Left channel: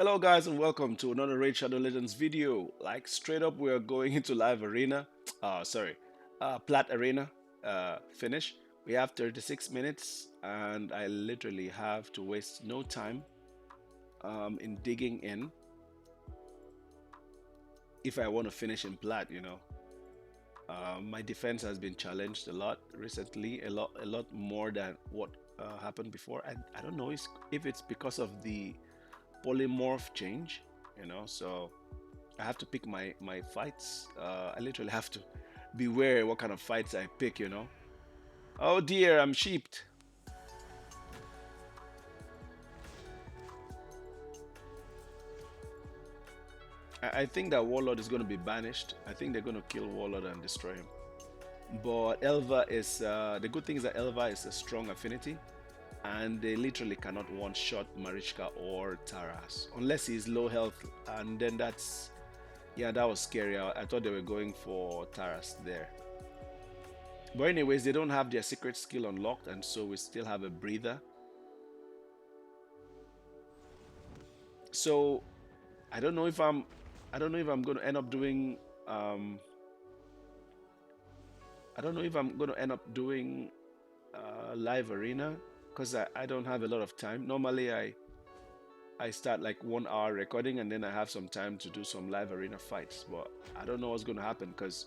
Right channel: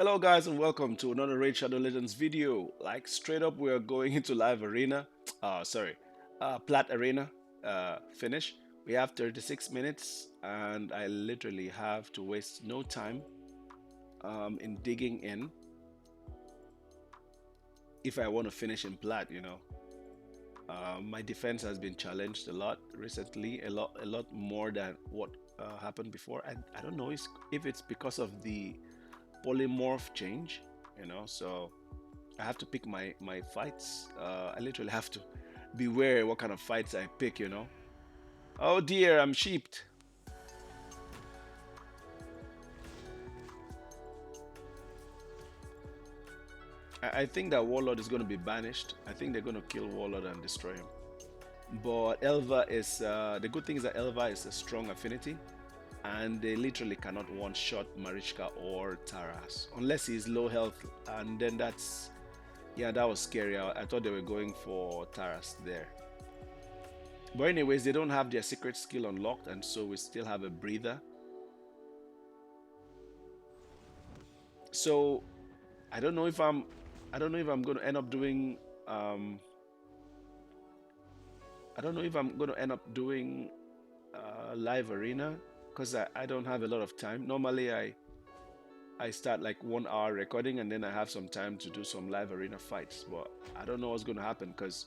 Hello guys and welcome to another Raid Shadow Legends video. Like straight up we are going into live arena. Plat Arena finish. We have 36 minutes and I literally have to waste no time in digging in if I want to finish in Plat. My defense has been challenged a lot recently, a lot more than what happened before. I don't know if it's because of the polymorph change. So I have to pick my fights. I literally have to beware what kind of fights I pick. Oh dear, I'm sheeped. I think that Warlord is going to be banished. I think they're going to kill Warlord and destroy him. But Elva is the good thing is that Elva is a strong affinity, and they literally cannot one-shot Marichka or Taras unless he's low health, and then that's yeah, that was scary. I thought they were going for Taras there. But anyways, they don't have their secret skill unlocked, and so we still have a breather. So I don't know if I'm I don't know if I'm going to end up doing um I don't know if I'm going to end up doing live arena because I don't have a lot of time. Normally I start like 1 hour recording and then I have some time to do some live arena fights, but I don't know what's going to happen because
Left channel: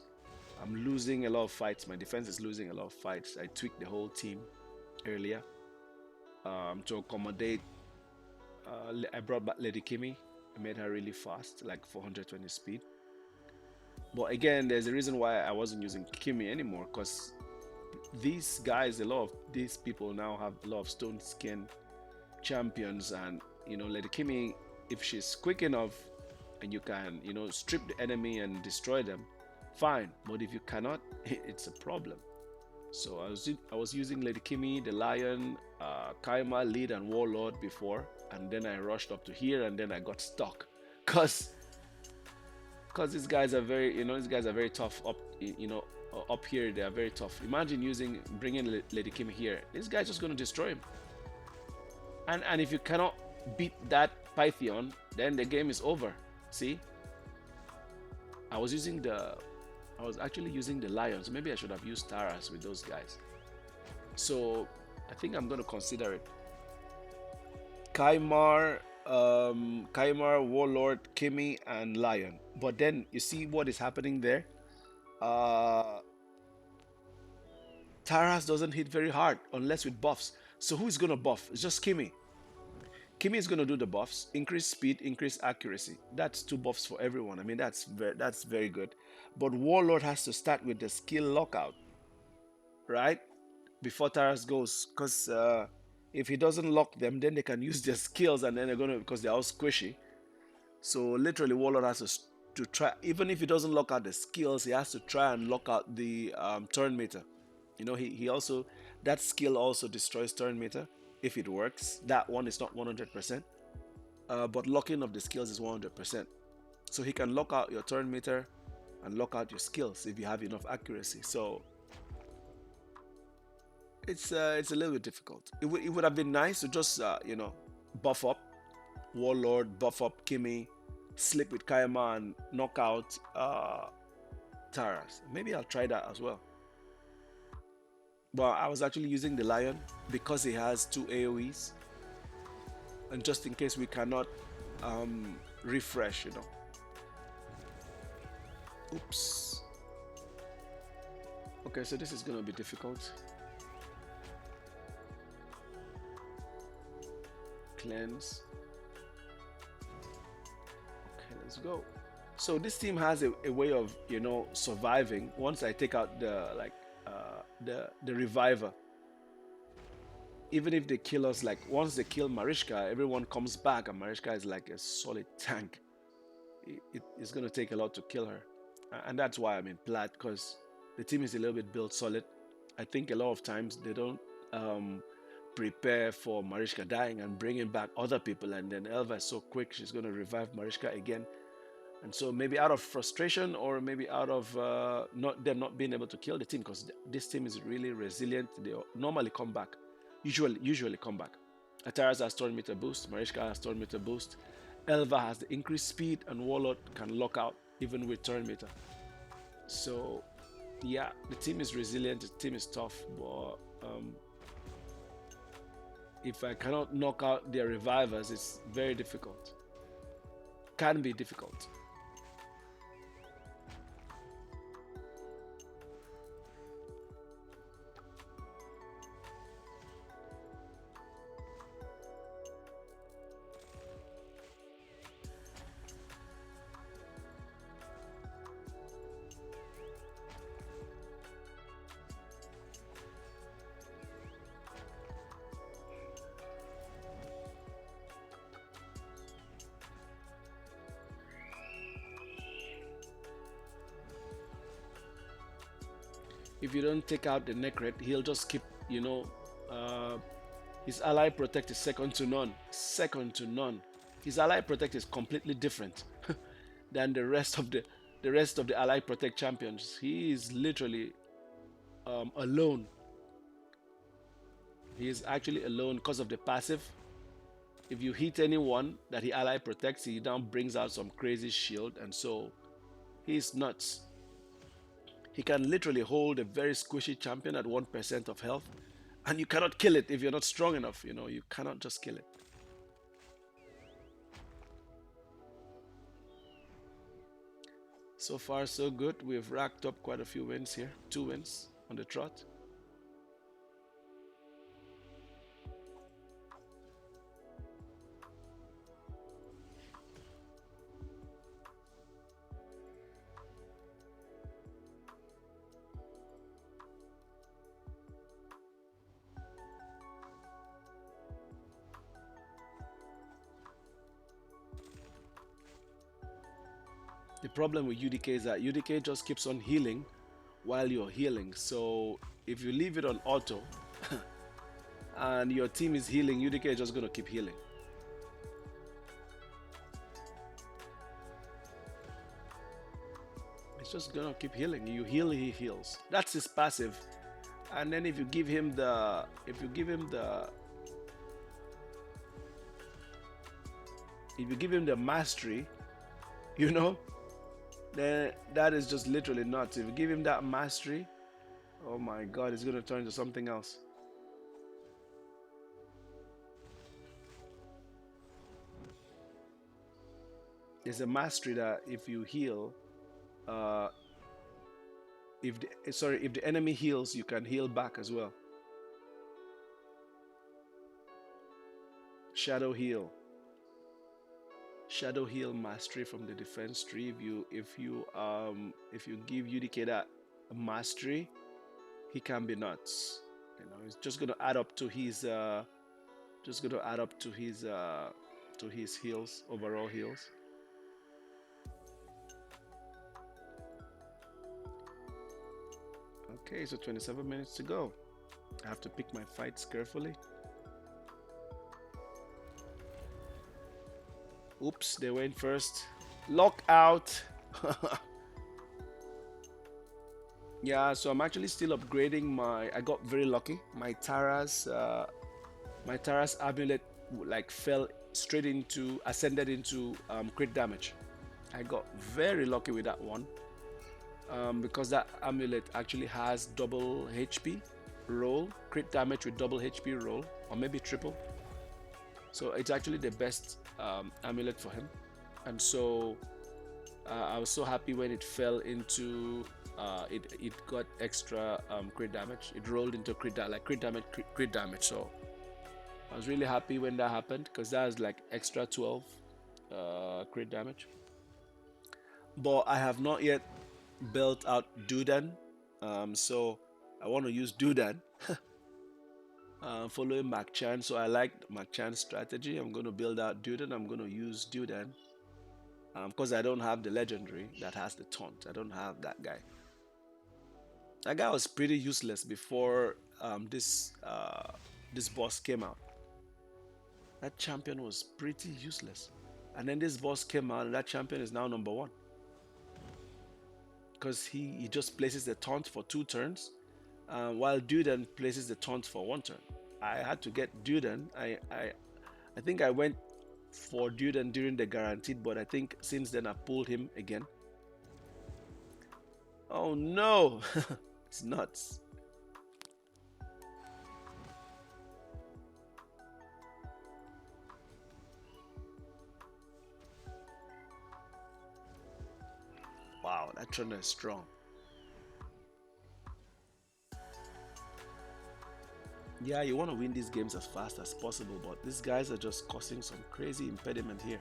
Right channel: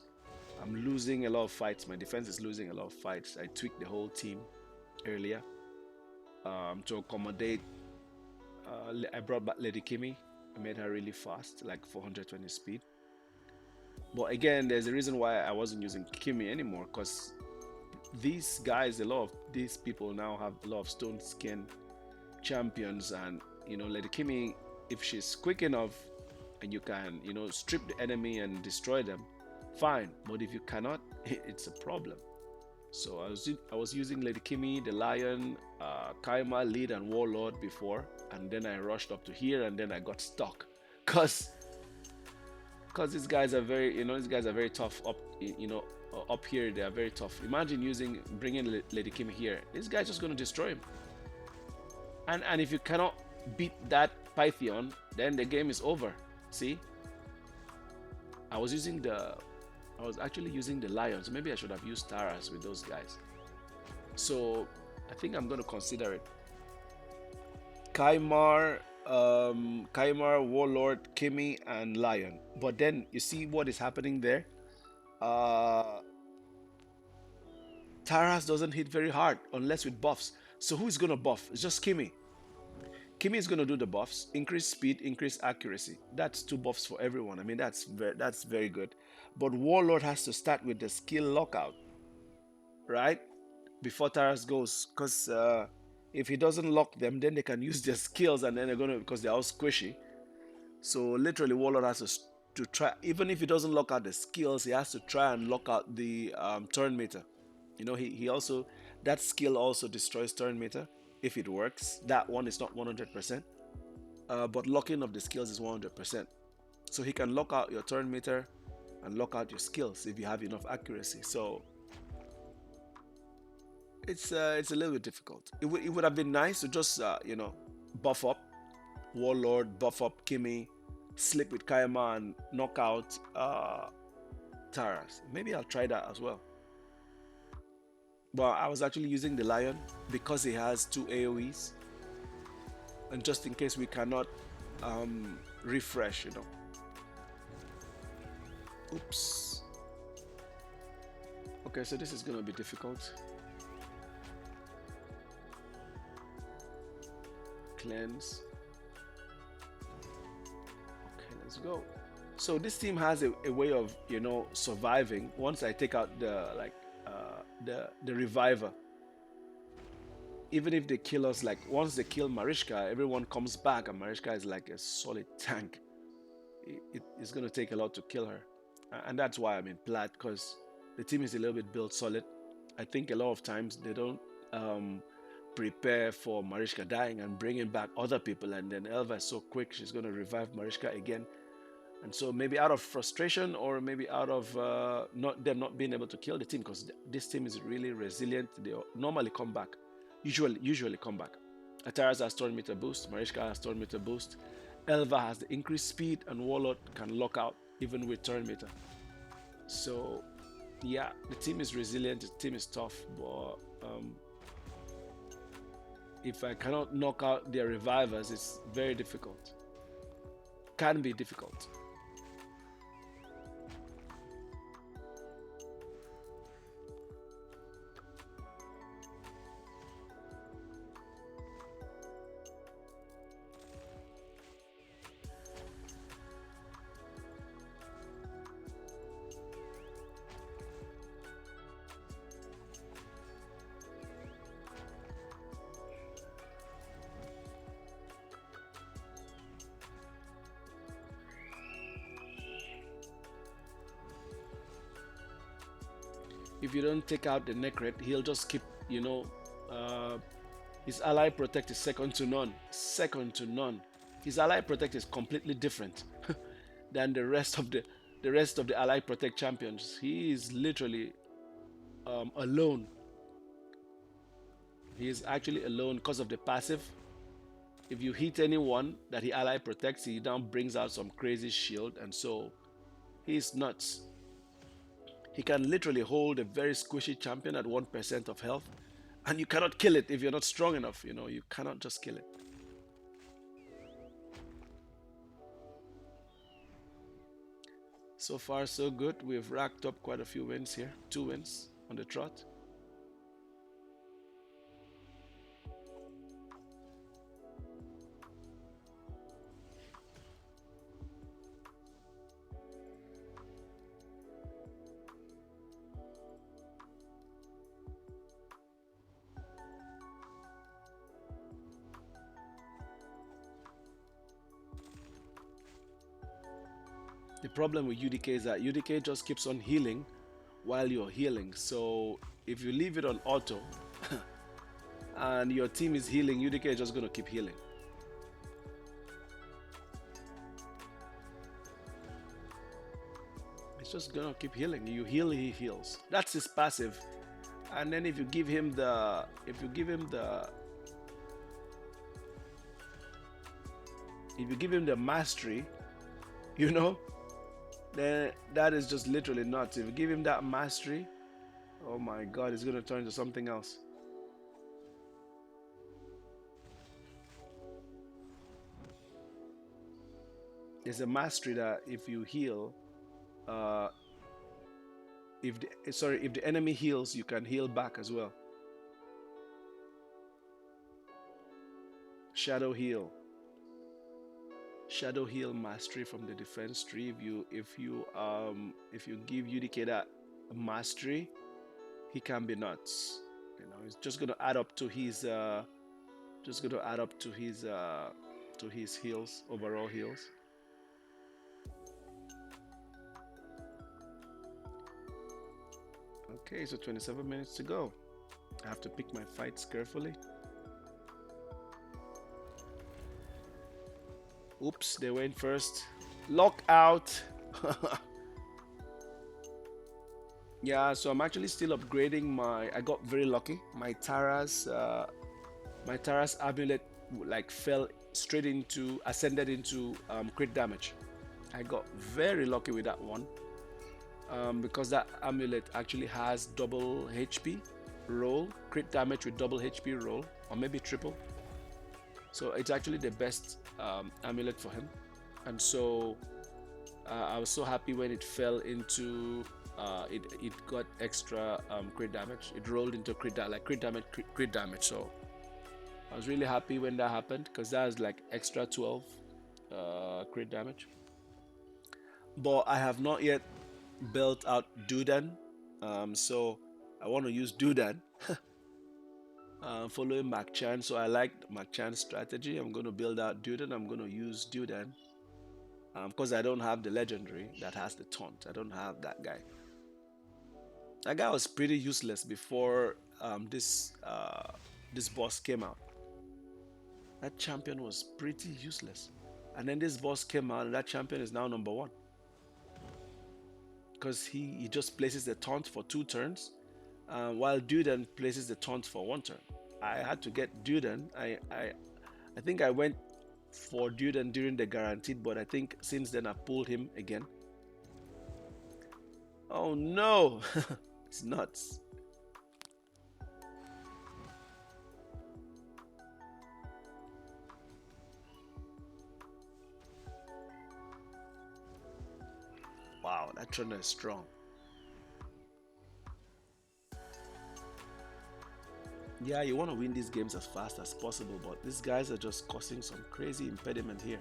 I'm losing a lot of fights. My defense is losing a lot of fights. I tweaked the whole team earlier to accommodate. I brought back Lady Kimmy. I made her really fast, like 420 speed. But again, there's a reason why I wasn't using Kimmy anymore because these guys, a lot of these people now have a lot of stone skin champions, and Lady Kimmy, if she's quick enough and you can, strip the enemy and destroy them, fine. But if you cannot, it's a problem. So I was using Lady Kimmy, the Lion, Kaima, Lead, and Warlord before, and then I rushed up to here, and then I got stuck, cause these guys are very tough up here. They are very tough. Imagine bringing Lady Kimmy here. This guy's just gonna destroy him. And if you cannot beat that Python, then the game is over. See, I was using the I was actually using the Lions. Maybe I should have used Taras with those guys. So I think I'm going to consider it. Kaimar, Warlord, Kimmy, and Lion. But then you see what is happening there. Uh, Taras doesn't hit very hard unless with buffs. So who is going to buff? It's just Kimmy. Kimmy is going to do the buffs, increase speed, increase accuracy. That's two buffs for everyone. I mean, that's very good. But Warlord has to start with the skill lockout, right? Before Taras goes, because if he doesn't lock them, then they can use their skills, and then they're gonna because they're all squishy. So literally, Warlord has to try. Even if he doesn't lock out the skills, he has to try and lock out the turn meter. He also that skill also destroys turn meter if it works. That one is not 100%, but locking of the skills is 100%. So he can lock out your turn meter and lock out your skills if you have enough accuracy. So it's a little bit difficult. It would have been nice to just buff up Warlord, buff up Kimmy, slip with Kaima, and knock out Taras. Maybe I'll try that as well. But I was actually using the Lion because he has two AoEs, and just in case we cannot refresh. Oops. Okay, so this is gonna be difficult. Cleanse. Okay, let's go. So this team has a way of surviving once I take out the reviver. Even if they kill us, like once they kill Marichka, everyone comes back, and Marichka is like a solid tank. It's gonna take a lot to kill her, and that's why I'm in Plat, because the team is a little bit built solid. I think a lot of times they don't prepare for Marichka dying and bringing back other people, and then Elva is so quick, she's gonna revive Marichka again. And so maybe out of frustration, or maybe out of not them not being able to kill the team, because this team is really resilient. They normally come back, usually come back. Ataras has turn meter boost, Marichka has turn meter boost, Elva has the increased speed, and Warlord can lock out even with turn meter. So yeah, the team is resilient, the team is tough, but if I cannot knock out their revivers, it's very difficult. Can be difficult. If you don't take out the Necret, he'll just keep, uh, his ally protect is second to none. Second to none. His ally protect is completely different than the rest of the ally protect champions. He is literally alone. He is actually alone because of the passive. If you hit anyone that he ally protects, he now brings out some crazy shield, and so he's nuts. He can literally hold a very squishy champion at 1% of health, and you cannot kill it if you're not strong enough. You cannot just kill it. So far, so good. We've racked up quite a few wins here. 2 wins on the trot. The problem with UDK is that UDK just keeps on healing while you're healing. So if you leave it on auto and your team is healing, UDK is just going to keep healing. It's just going to keep healing. You heal, he heals. That's his passive. And then if you give him the mastery, you know, then that is just literally nuts. If you give him that mastery, oh my god, it's going to turn into something else. There's a mastery that if you heal, uh, if the enemy heals, you can heal back as well. Shadow heal. Shadow heal mastery from the defense tree. If you give UDK that mastery, he can be nuts. It's just gonna add up to his heals, overall heals. Okay, so 27 minutes to go. I have to pick my fights carefully. Oops, they went first. Lockout. Yeah, so I'm actually still upgrading I got very lucky. My Tara's amulet like ascended into crit damage. I got very lucky with that one. Because that amulet actually has double HP roll, crit damage with double HP roll, or maybe triple. So it's actually the best amulet for him. And so I was so happy when it fell into it got extra crit damage. It rolled into crit damage. So I was really happy when that happened because that was like extra 12 crit damage. But I have not yet built out Dudan, so I want to use Dudan. Following Machan, so I like Machan's strategy. I'm going to build out Dudan. I'm going to use Dudan because I don't have the legendary that has the taunt. I don't have that guy. That guy was pretty useless before this boss came out. That champion was pretty useless, and then this boss came out, and that champion is now number one because he just places the taunt for 2 turns, while Dudan places the taunt for 1 turn. I had to get Dudan. I think I went for Duden during the guaranteed, but I think since then I pulled him again. Oh no! It's nuts. Wow, that trainer is strong. Yeah, you want to win these games as fast as possible, but these guys are just causing some crazy impediment here.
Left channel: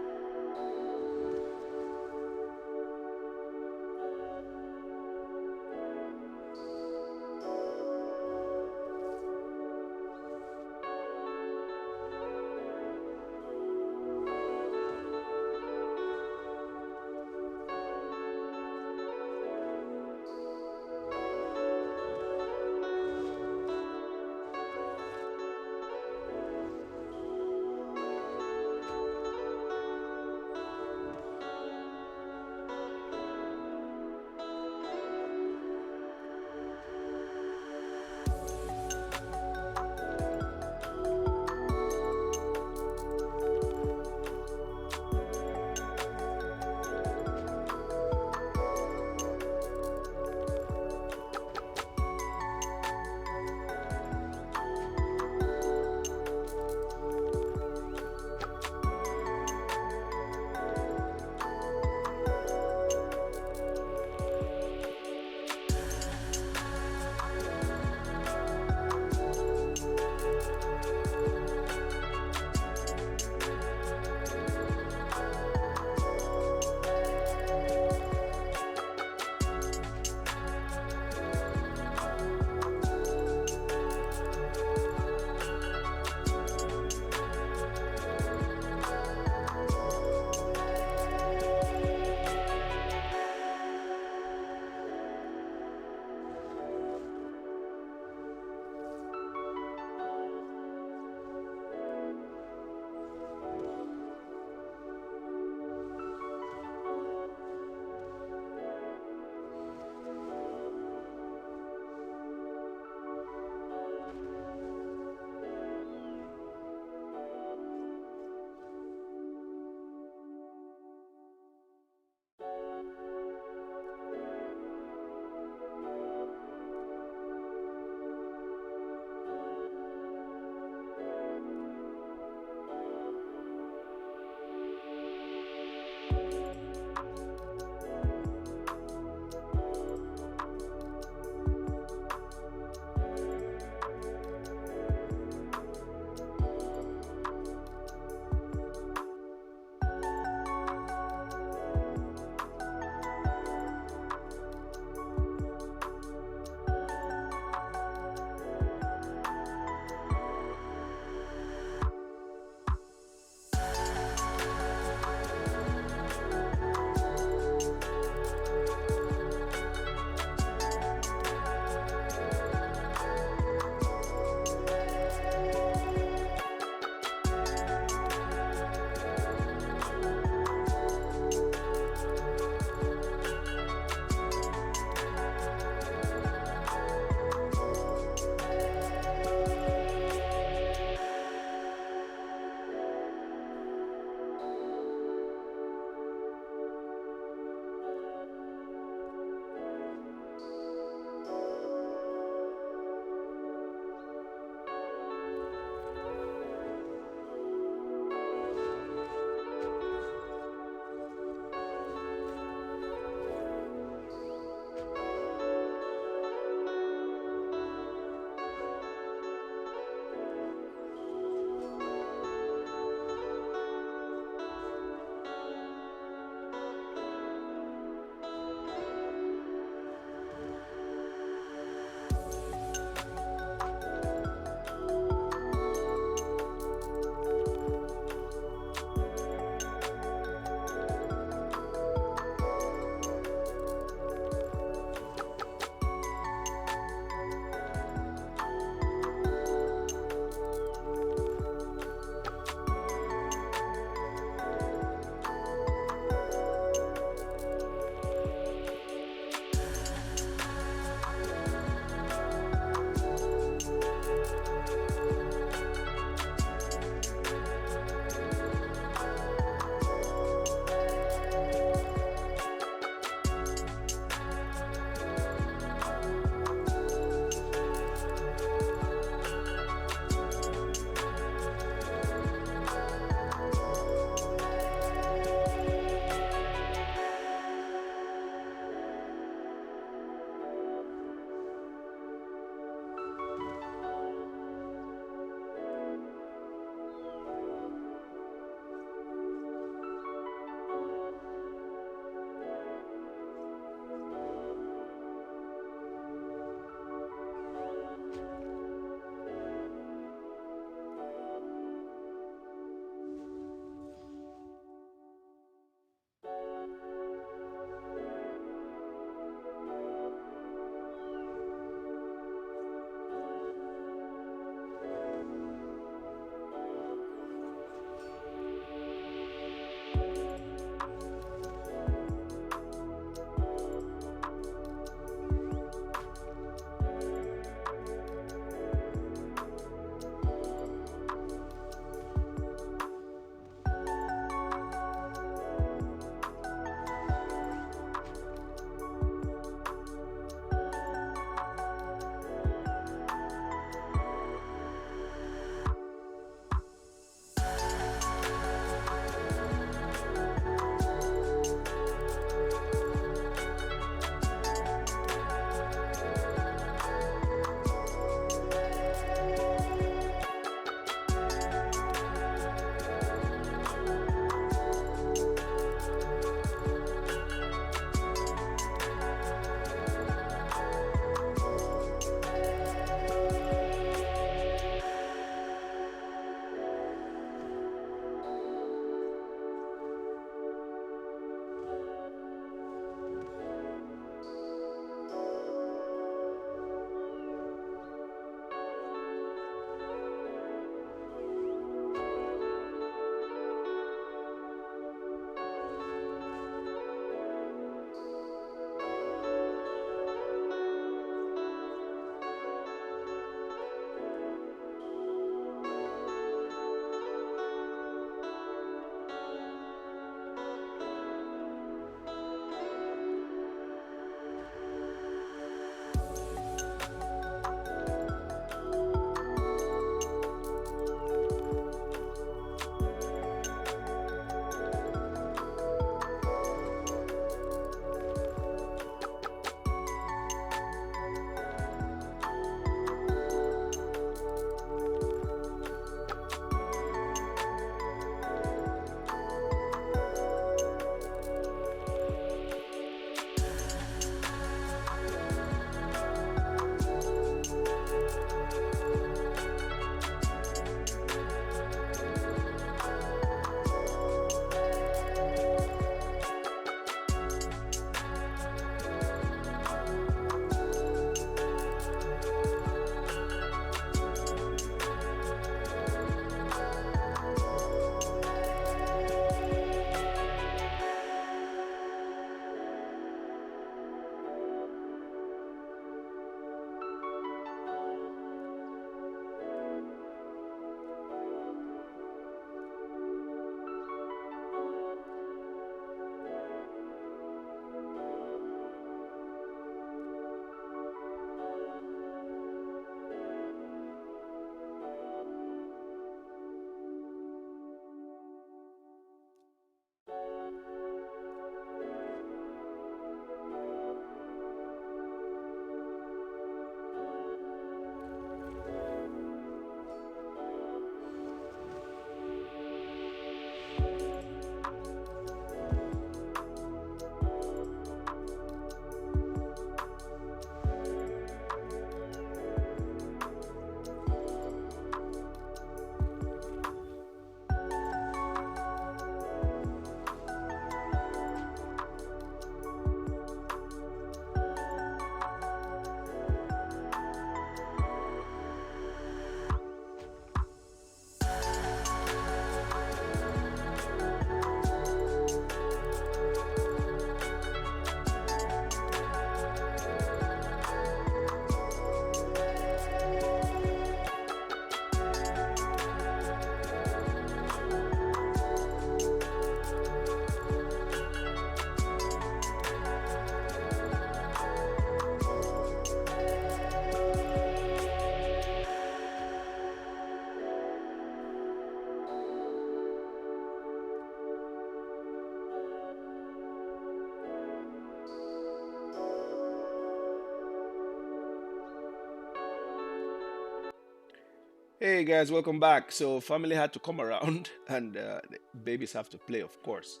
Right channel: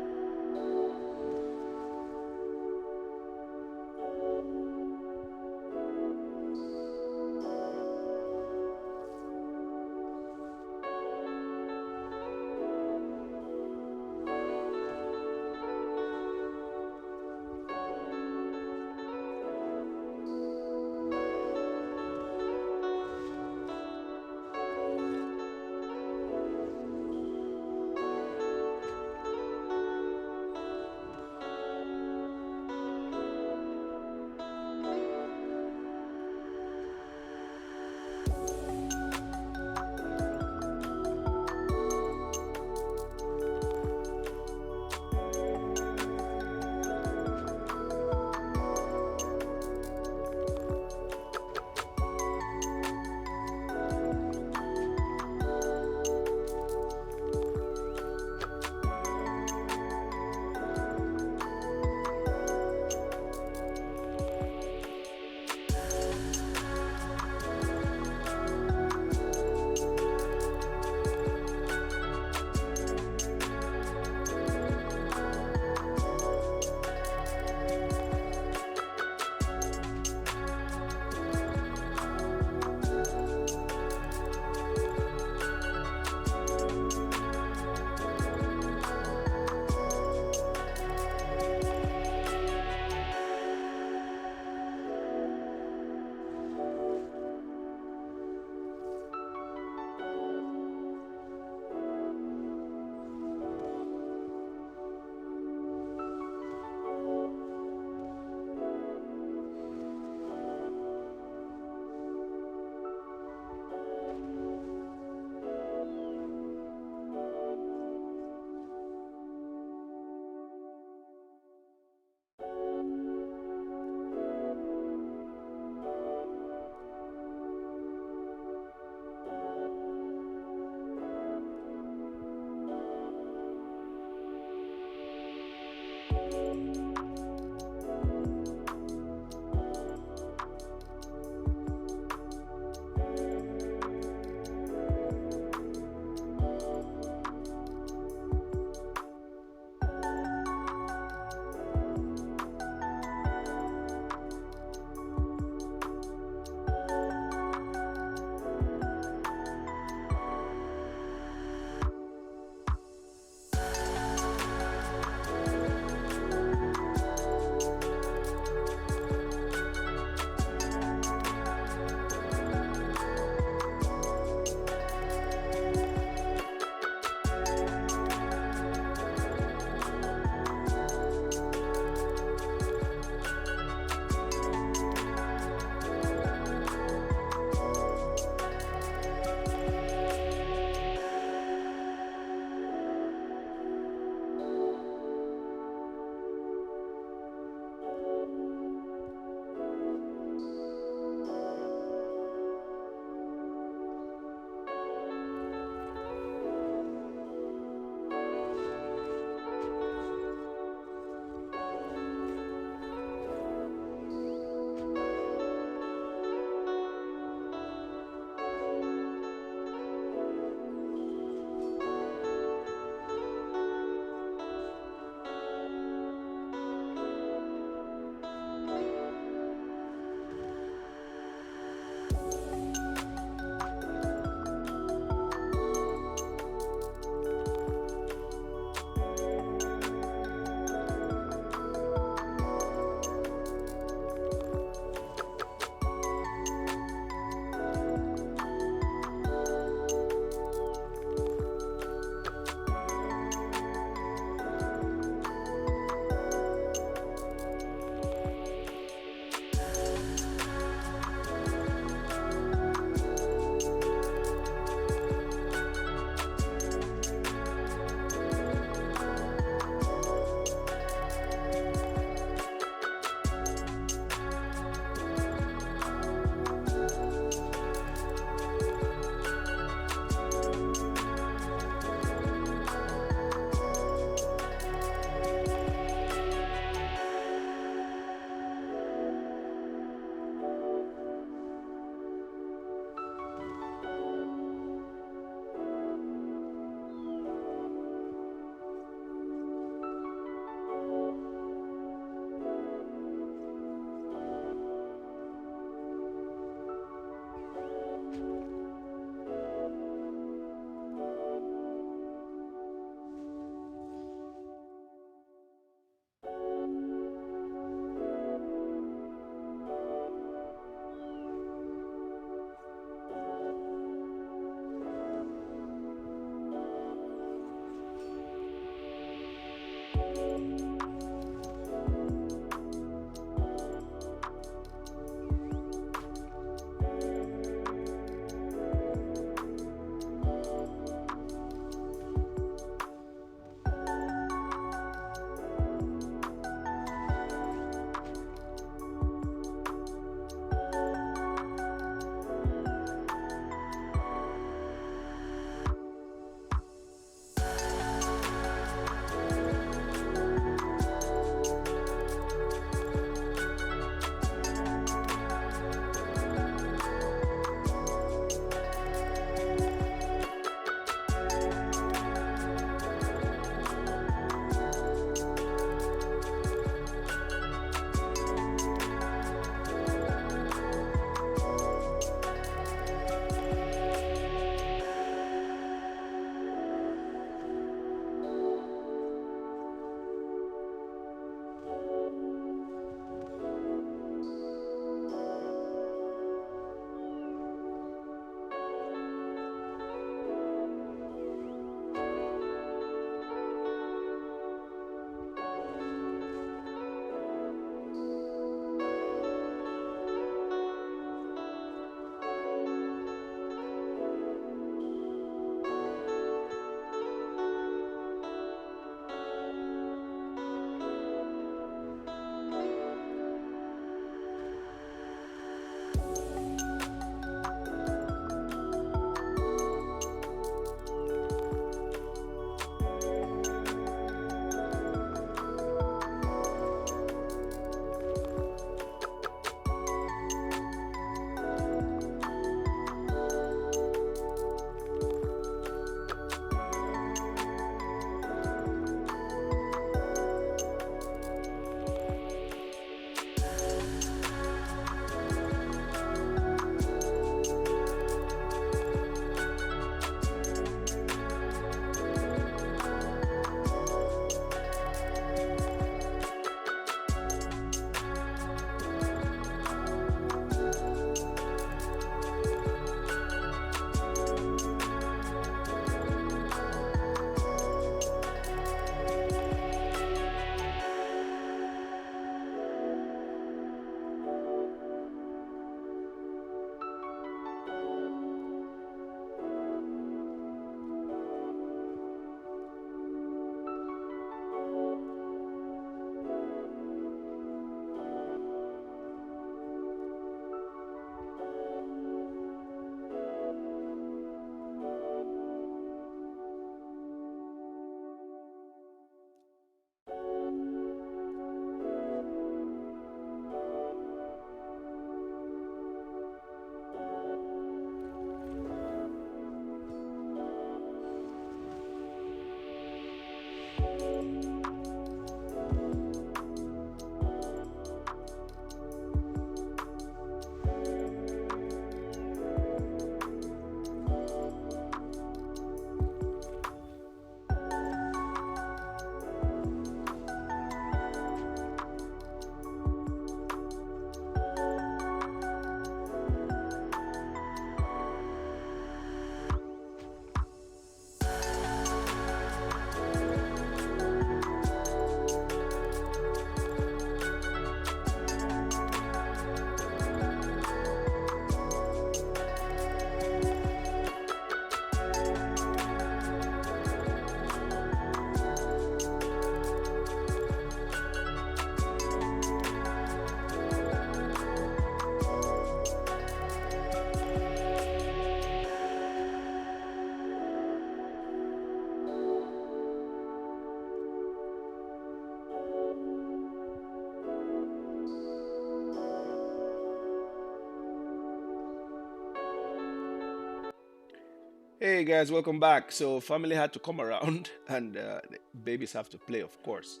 Hey guys, welcome back. So family had to come around, and the babies have to play, of course.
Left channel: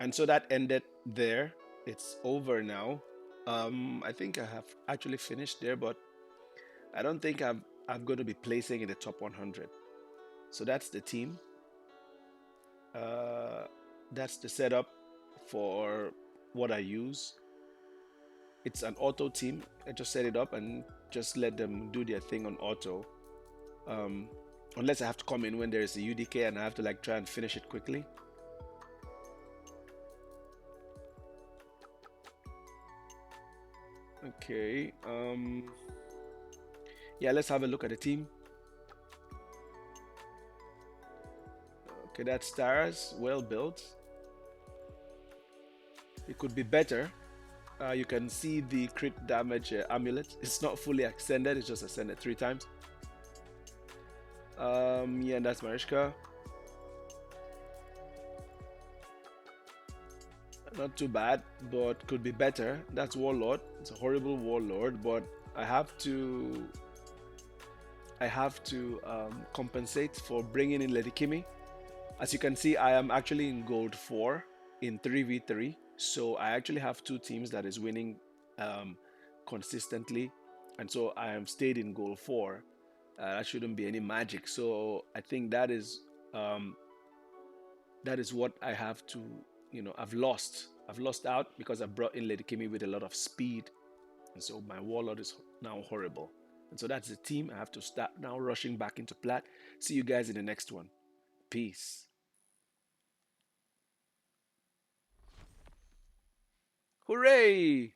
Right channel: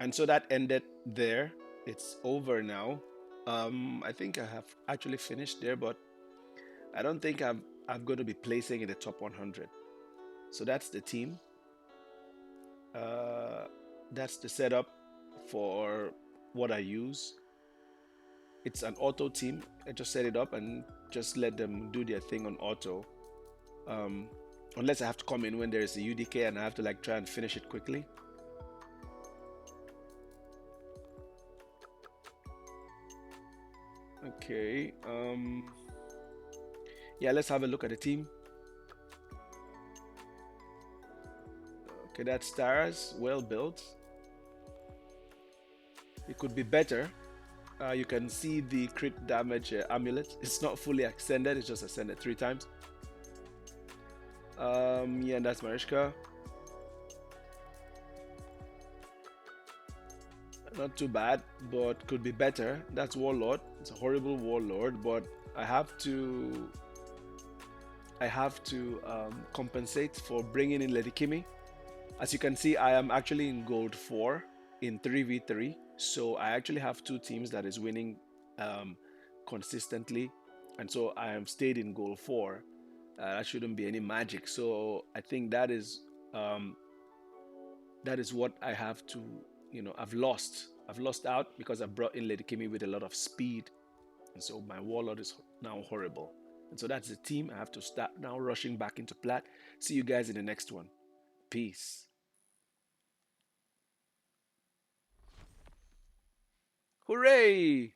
And so that ended there. It's over now. I think I have actually finished there, but I don't think I'm going to be placing in the top 100. So that's the team. Uh, that's the setup for what I use. It's an auto team. I just set it up and just let them do their thing on auto. Um, Unless I have to come in when there is a UDK and I have to like try and finish it quickly. Okay. Yeah, let's have a look at the team. Okay, that's stars, well built. It could be better. You can see the crit damage amulet. It's not fully extended. It's just ascended 3 times. Yeah, and that's Mariska. Not too bad, but could be better. That's Warlord. It's a horrible Warlord, but I have to compensate for bringing in Lady Kimi. As you can see, I am actually in gold 4 in 3v3. So I actually have two teams that is winning um, consistently. And so I am stayed in gold 4. That shouldn't be any magic. So I think um, that is what I have to, I've lost. I've lost out because I brought in Lady Kimi with a lot of speed. And so my warlord is now horrible. And so that's the team. I have to start now rushing back into plat. See you guys in the next one. Peace. Hooray!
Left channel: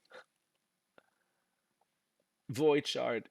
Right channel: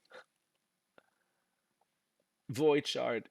Void shard.